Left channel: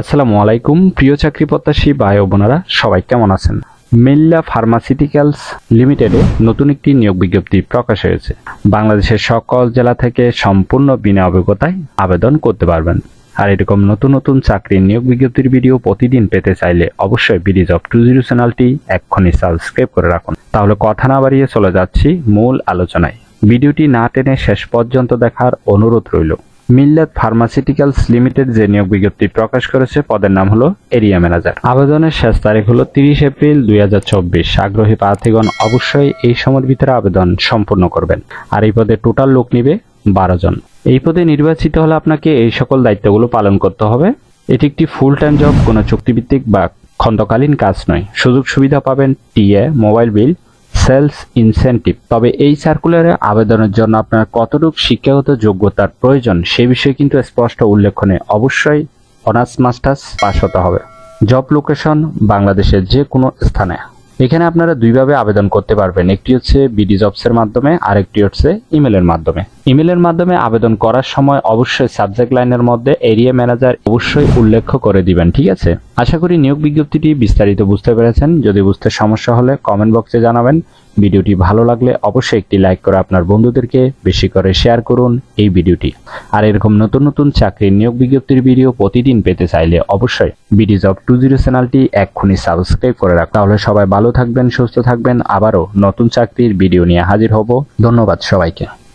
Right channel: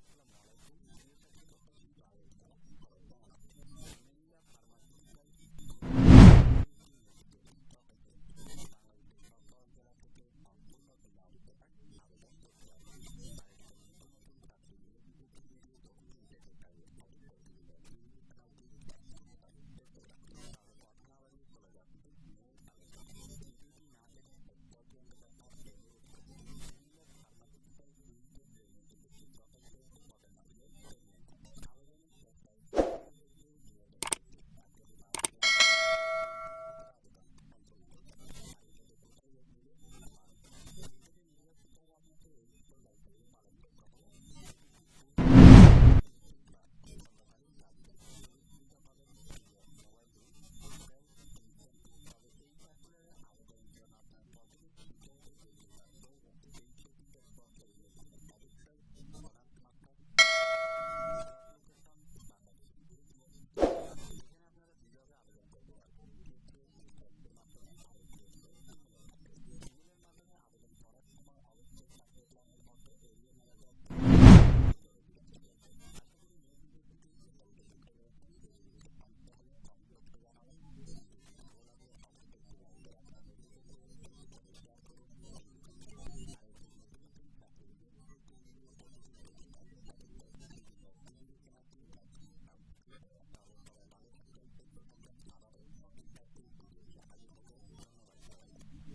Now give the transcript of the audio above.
আসসালামু আলাইকুম প্রিয় চাকরি প্রত্যাশী ভাই ও বোনেরা, সবাই কেমন আছেন? মিল্লা ফার্মাসিউটিক্যালস লিমিটেডে নতুন একটি নিয়োগ বিজ্ঞপ্তি প্রকাশ হয়েছে। বাংলাদেশের সকল জেলা থেকে সম্পূর্ণ বিনা অভিজ্ঞতায় আবেদন করতে পারবেন। আর এরকম নতুন নতুন চাকরির নিয়োগ বিজ্ঞপ্তির ভিডিও প্রতিদিন পেতে চাইলে অবশ্যই বিডি জব 20 চ্যানেলটি এক্ষুনি সাবস্ক্রাইব করে রাখুন। তাহলে কথা না বাড়িয়ে চলে যাচ্ছি মূল আলোচনায়। ভিডিওটি না টেনে শেষ পর্যন্ত দেখার অনুরোধ রইল। মিল্লাত ফার্মাসিউটিক্যালস লিমিটেড যে নিয়োগ বিজ্ঞপ্তি প্রকাশ করেছে পদের নাম হলো এরিয়া ম্যানেজার। আবেদনের শেষ তারিখ হলো 30 এপ্রিল 2024। আগ্রহী প্রার্থীগণ অবশ্যই এই সময়ের ভিতরে আবেদন সম্পূর্ণ করবেন। আর এই পদে টোটাল লোক নিবে 12 জন। এই পদে নির্বাচিত হলে আপনাকে এই সকল দায়িত্বগুলো পালন করতে হবে। এটি একটি ফুল টাইম জব, কোনো চুক্তিভিত্তিক বা খণ্ডকালীন কাজ নয়। সুযোগ সুবিধা পাবেন TA, mobile bill, sales incentive. তবে এই সার্কুলারে আবেদনের জন্য আপনার কতটুকু শিক্ষাগত যোগ্যতার প্রয়োজন সে বিষয়ে কিন্তু স্পষ্ট উল্লেখ নেই। অবশ্যই অনার্স মাস্টার্স পাস হতে হবে। জব লোকেশন বাংলাদেশের যে কোনো স্থানে। এখানে আপনারা দুইভাবে আবেদন করতে পারবেন, একটি হচ্ছে বিডি জবসের মাধ্যমে, আরেকটি হচ্ছে ইমেলের মাধ্যমে। ইমেলের মাধ্যমে আবেদন করার সময় অবশ্যই সাবজেক্ট লাইনের মধ্যে এরিয়া ম্যানেজার অবশ্যই উল্লেখ করে দিবেন, ঠিক আছে? আশা করি নিয়োগ বিজ্ঞপ্তিটি বিস্তারিত বুঝতে পেরেছেন। যদি বুঝতে সমস্যা হলে কমেন্ট বক্সে জানাবেন। ভিডিওটি ভালো লাগলে অবশ্যই একটি লাইক করে আপনার বন্ধুদেরকে বেশি করে শেয়ার করুন এই ভিডিওটি। আর এরকম নতুন নতুন চাকরির নিয়োগ বিজ্ঞপ্তির ভিডিও প্রতিদিন পেতে চাইলে অবশ্যই বিডি জব 20 চ্যানেলটি এক্ষুনি সাবস্ক্রাইব করে রাখুন। তাহলে সবাই ভালো থাকবেন, সুস্থ থাকবেন। আবারও নতুন চাকরির ভিডিও নিয়ে হাজির হব। ধন্যবাদ সবাইকে।